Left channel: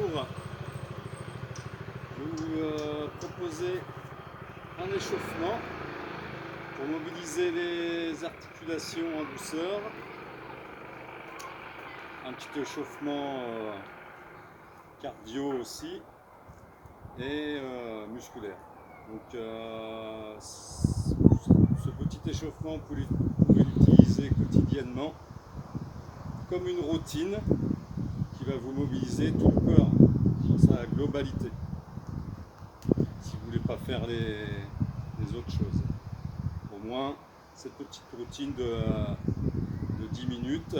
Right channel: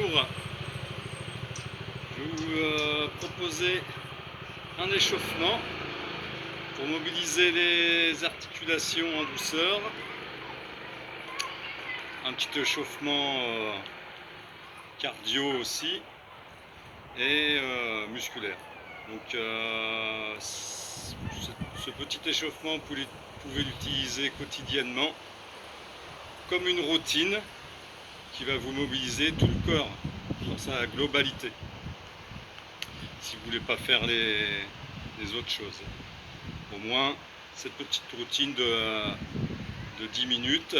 Bonjour, je vais vous proposer un échauffement pour mobiliser les articulations en douceur, un petit échauffement cardio aussi et musculaire. Donc ce petit échauffement, vous pouvez l'utiliser quotidiennement comme une routine qui va vous mobiliser tout le corps dans sa globalité, si vous ne voulez pas faire les autres choses. Au moins, cette petite routine de 10 minutes,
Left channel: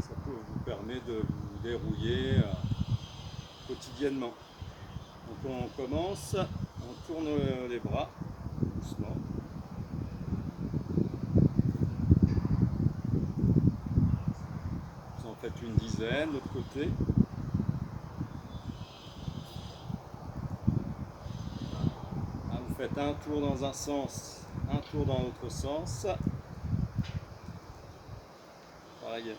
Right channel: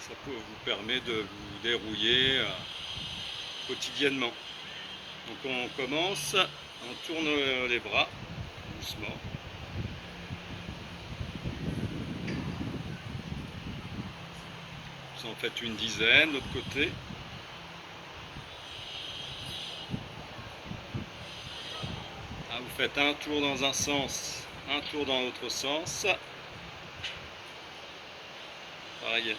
ça peut vous permettre de vous dérouiller quotidiennement. Donc on commence, on tourne les bras doucement. Vous en faites une dizaine, de l'autre côté. Vous faites un tour dans un sens, un tour dans l'autre sens. Pareil,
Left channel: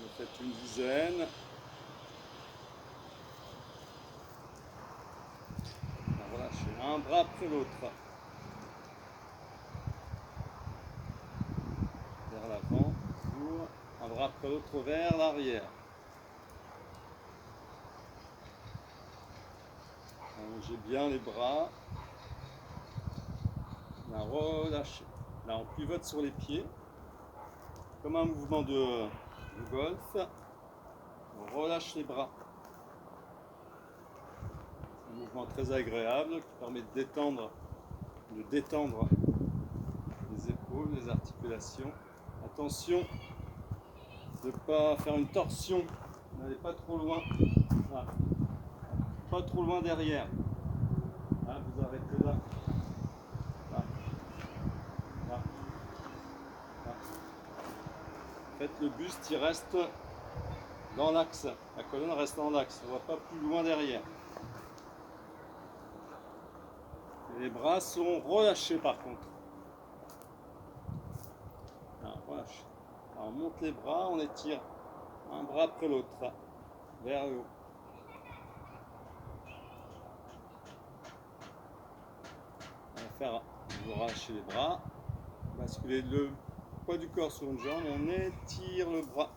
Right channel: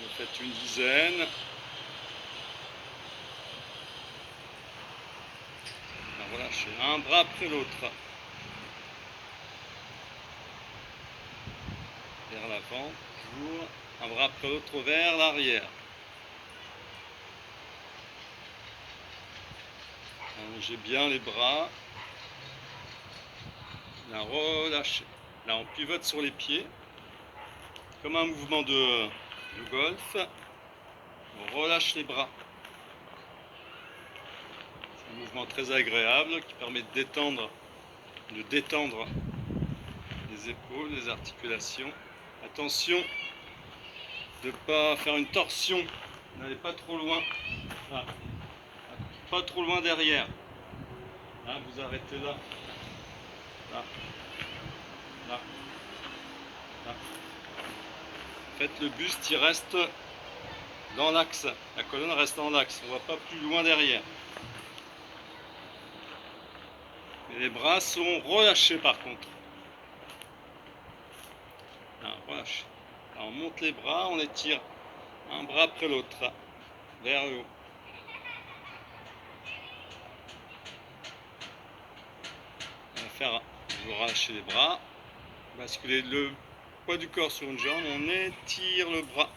vous faites une dizaine. Relâchez un bras après l'autre. Vers l'avant, toujours. Un bras après l'autre vers l'arrière. Allongez bien les bras. Là, relâchez. Là, on pivote sur les pieds. Comme un mouvement de golf. On relâche les bras. C'est un mouvement très agréable qui permet de détendre les épaules, les articulations. Attention de ne pas faire une torsion. N'allez pas trop loin. Là. Pas trop loin derrière. Là, vous arrêtez là. Là. Là. Là. En fait, le buste, il reste dans l'axe. La colonne reste dans l'axe. On ne va pas plus loin derrière. Et les bras sont relâchés par contre. Là, relâche. Là, on monte les bras, on étire un bras après l'autre vers le haut. On va faire, vous relâchez les bras, basculer le poids du corps sur une jambe, on étire le bras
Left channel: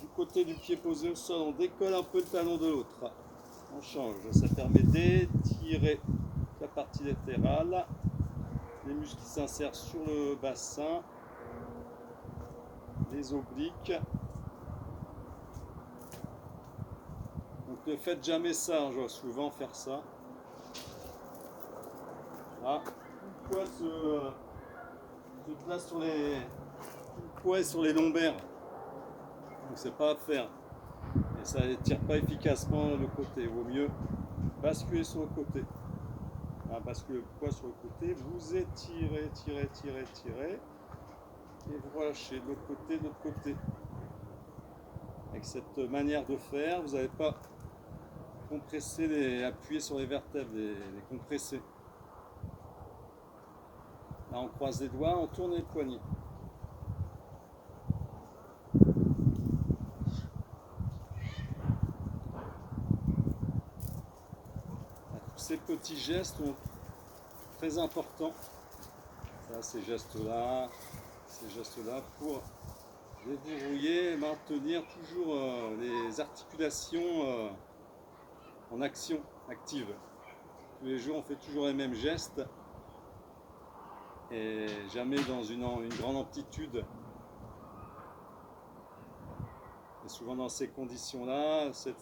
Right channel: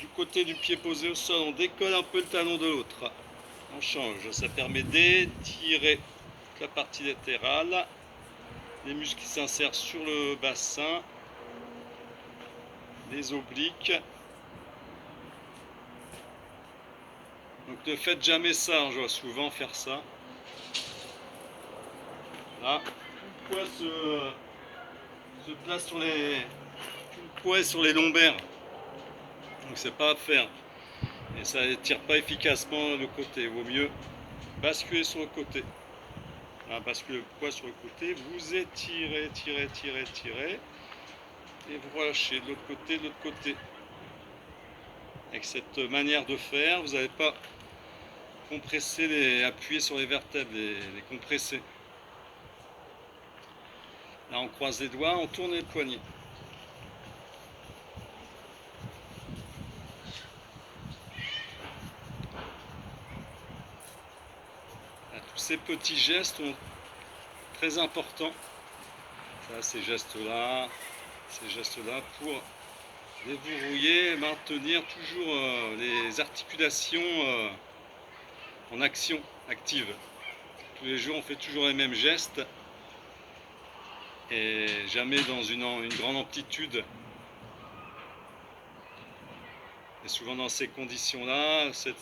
du côté du pied posé au sol, on décolle un peu le talon de l'autre. On change, ça permet d'étirer la partie latérale, les muscles qui s'insèrent sur le bassin, les obliques. Donc ne faites jamais ça, je vois souvent faire ça. Là, tout le poids se place sur les lombaires. Donc c'est pas à faire. Et ça n'étire pas efficacement le côté. Il vaut mieux basculer sur le côté. Là, basculer le poids sur le côté, vous étirez, tirez. Et vous relâchez de l'autre côté. Avec cette manière de faire, vous n'allez pas compresser, appuyer sur les vertèbres, les compresser. Là, on croise les doigts, on tourne les poignets. Là, tous ces petits gestes sont très importants. Ça, ces gestes-là pour déverrouiller et maintenir toujours les articulations en action, active. Tous les jours, on fait toujours les mêmes gestes et jamais dans une grande amplitude. Et souvent dans ces conditions-là, ces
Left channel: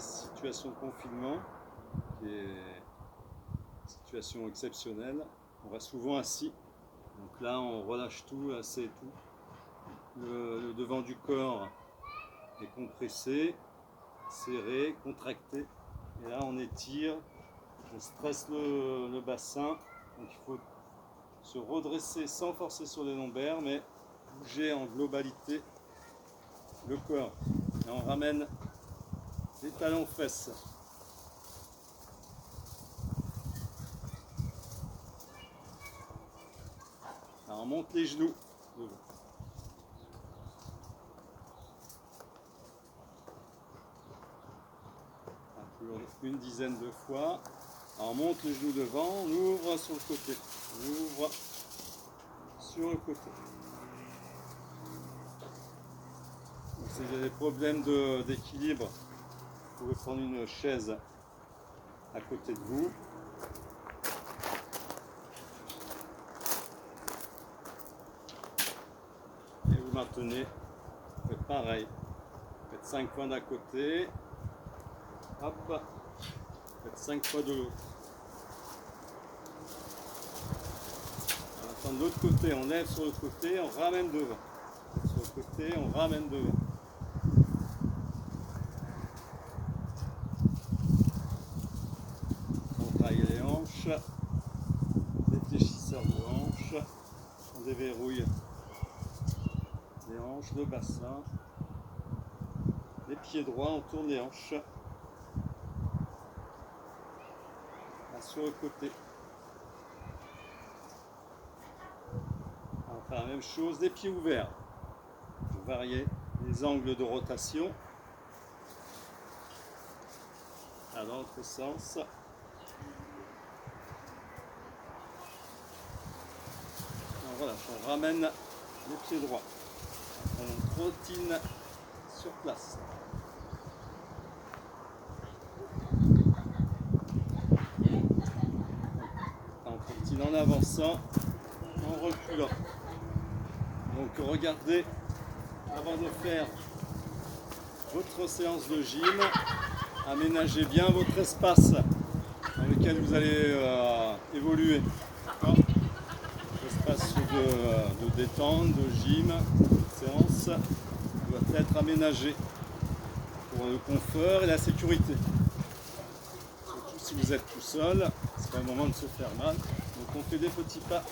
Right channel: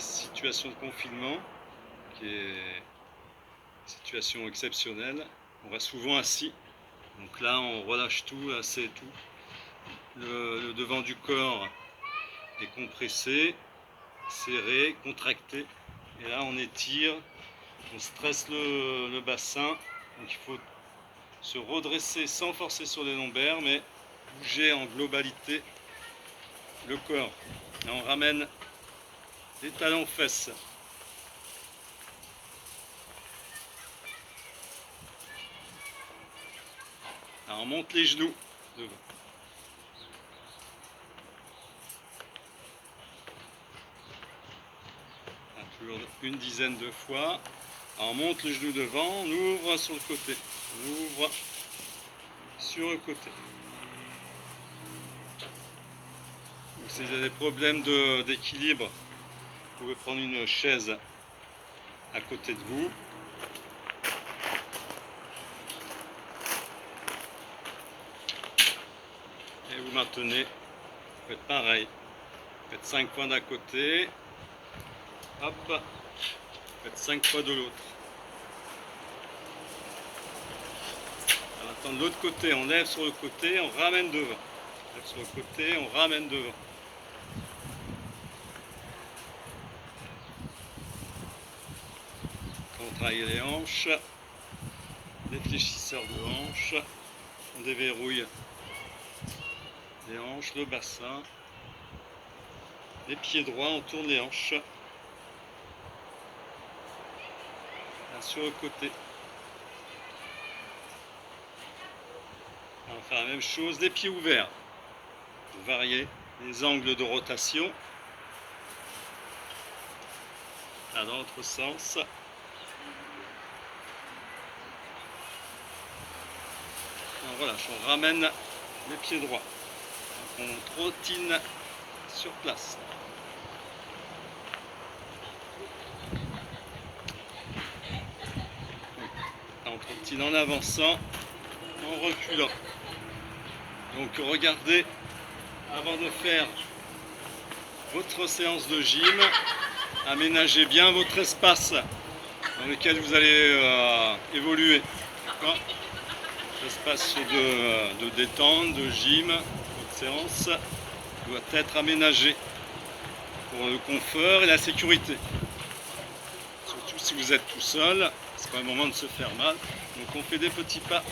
situations de confinement, qui est une situation exceptionnelle, on reste souvent assis. Donc là, on relâche tout, là c'est tout. Le devant du corps est compressé, serré, contracté. Et là, on étire, on stresse le bassin. Donc il faut se redresser sans forcer sur les lombaires, mais bouger en globalité le corps. Et on ramène les talons aux fesses. Alors on monte les genoux devant. une dizaine de fois. On monte le genou devant, on ouvre sur le côté, on ouvre sur le côté. Donc, si vous avez des problèmes d'équilibre, vous pouvez prendre une chaise à côté de vous. Et vous maintenez, vous faites pareil. Vous faites 5 fois d'un côté, hop, vous faites 5 fois de l'autre. Maintenant de l'autre côté, on lève sur le côté, on ramène devant. On lève sur le côté, on ramène devant. On travaille les hanches, les fléchisseurs de hanches, on déverrouille les hanches, le bassin, les pieds droits, on tourne les hanches. Là, sur le côté. On va faire la même chose, les pieds ouverts. Pour varier les angles de rotation. Là, dans l'autre sens. On relâche, on ramène les pieds droits. On trottine sur place. On trottine en avançant, en reculant. Donc regardez, avant de faire votre séance de gym, aménagez bien votre espace dans lequel vous allez évoluer. L'espace de détente, de gym, de séance doit être aménagé pour le confort et la sécurité. Surtout si vous êtes tout seul, c'est pas le moment de se faire mal. Donc on fait des petits pas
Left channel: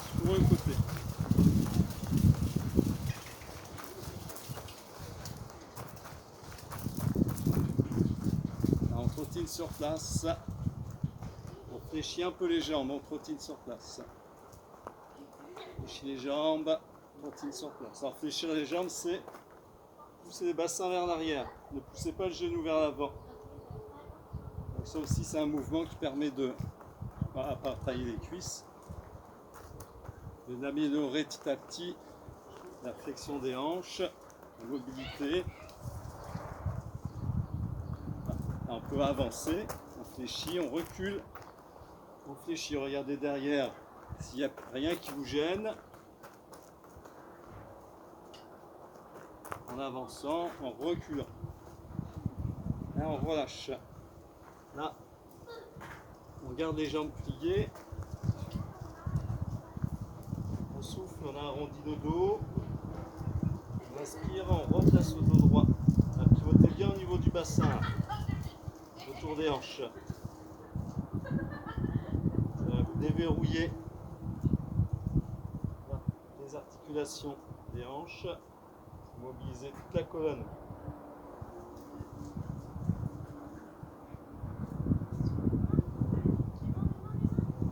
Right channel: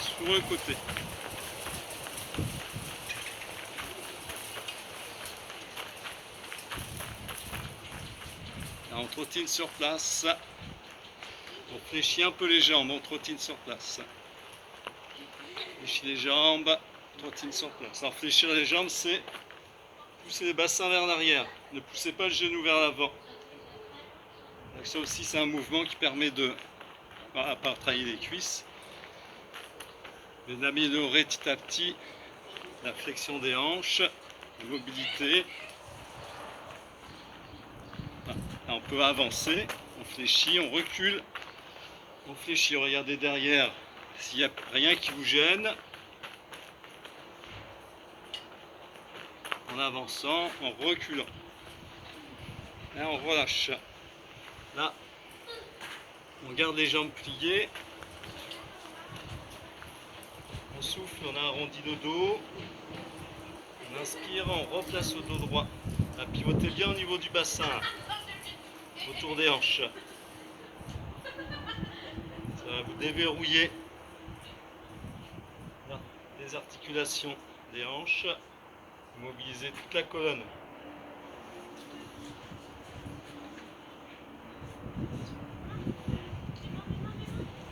sur le côté. Là, on trottine sur place. On fléchit un peu les jambes, on trottine sur place. Fléchis les jambes, trottine sur place. Alors fléchir les jambes, c'est pousser les bassins vers l'arrière. Ne poussez pas le genou vers l'avant. Ça aussi, c'est un mouvement qui permet de, à part travailler les cuisses, mais d'améliorer petit à petit la flexion des hanches, la mobilité. Là, on peut avancer, on fléchit, on recule, on fléchit. Regardez derrière s'il n'y a rien qui vous gêne. En avançant, en reculant. Là, on relâche. Là, on garde les jambes pliées. On souffle, on arrondit le dos. On inspire, on replace le dos droit. Là, pivotez bien au niveau du bassin, autour des hanches. Ça va vous déverrouiller là, les articulations des hanches. Mobiliser toute la colonne.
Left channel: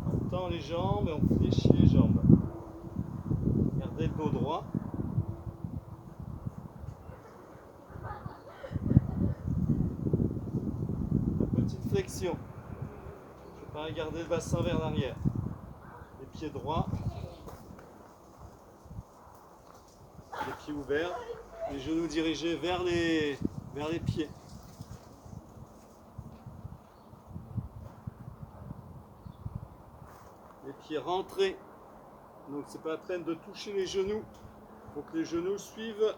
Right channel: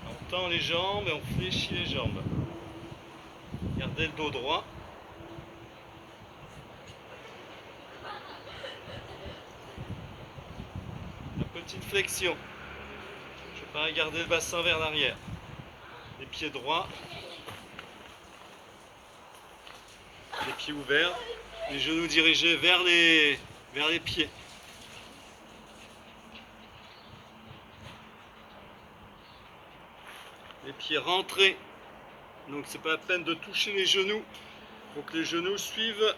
On tend les jambes et on fléchit les jambes. Gardez le dos droit. La petite flexion. Je ne vais pas garder le bassin vers l'arrière. Les pieds droits. Les pieds ouverts. Les genoux dirigés vers les pieds. Les pieds rentrés. Donc c'est pas la peine de toucher les genoux. Il faut que les genoux suivent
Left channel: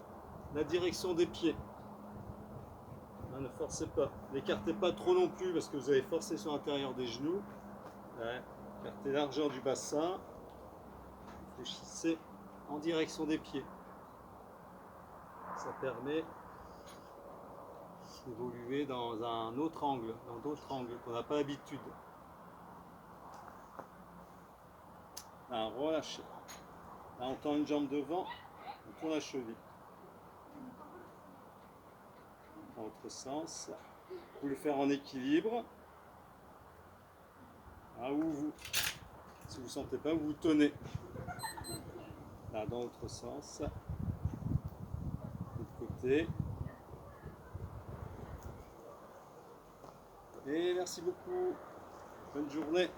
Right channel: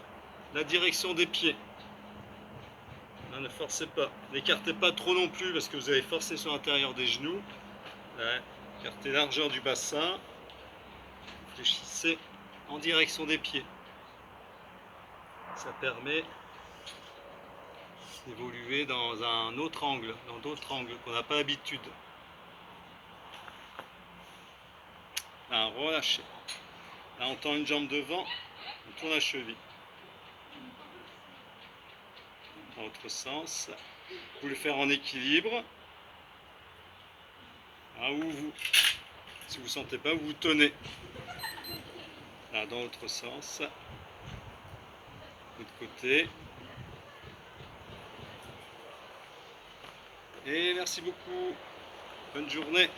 la direction des pieds. Là, ne forcez pas. N'écartez pas trop non plus parce que vous allez forcer sur l'intérieur des genoux. Là, écartez la largeur du bassin. Fléchissez en direction des pieds. Ça permet d'évoluer dans un autre angle, dans d'autres angles qu'on n'a pas l'habitude. Là, relâchez. Là, on tend une jambe devant, on tourne la cheville. Dans l'autre sens. Vous pouvez le faire en équilibre. Là, où vous, si vous ne sentez pas, vous tenez. Là, dans l'autre sens. L'autre côté. Et merci beaucoup. Bonne journée.